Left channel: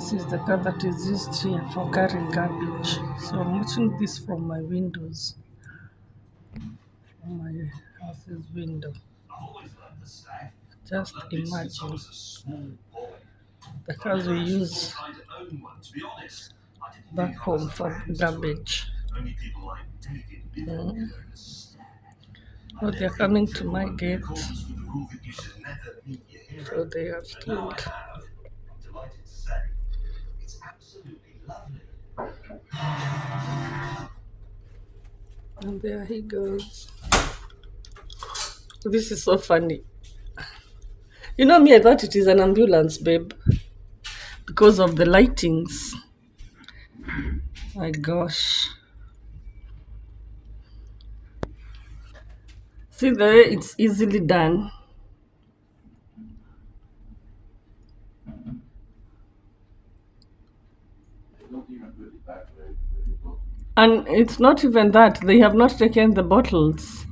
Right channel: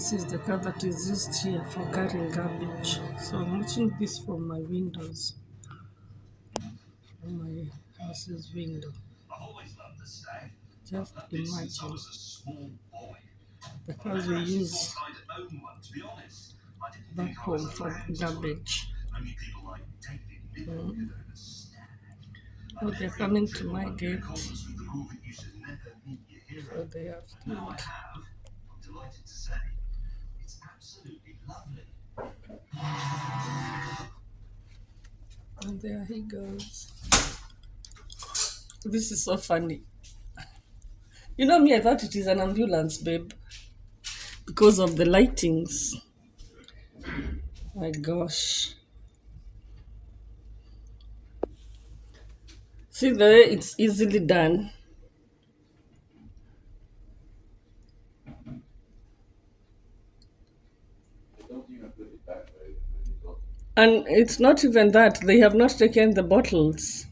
This is the car that is used here for carrying garbage. So I'm watching this from my windows, from my house's window. Just imagine the cars we use back home for garbage. Mm. Oh, they're coming to my gate. So they are still. And there he goes. This is so funny. You know me, I thought it is an ambulance, babe, because of the lightings. My gosh. See the way it's easily done. And it's not even that, they have not taken the bottles.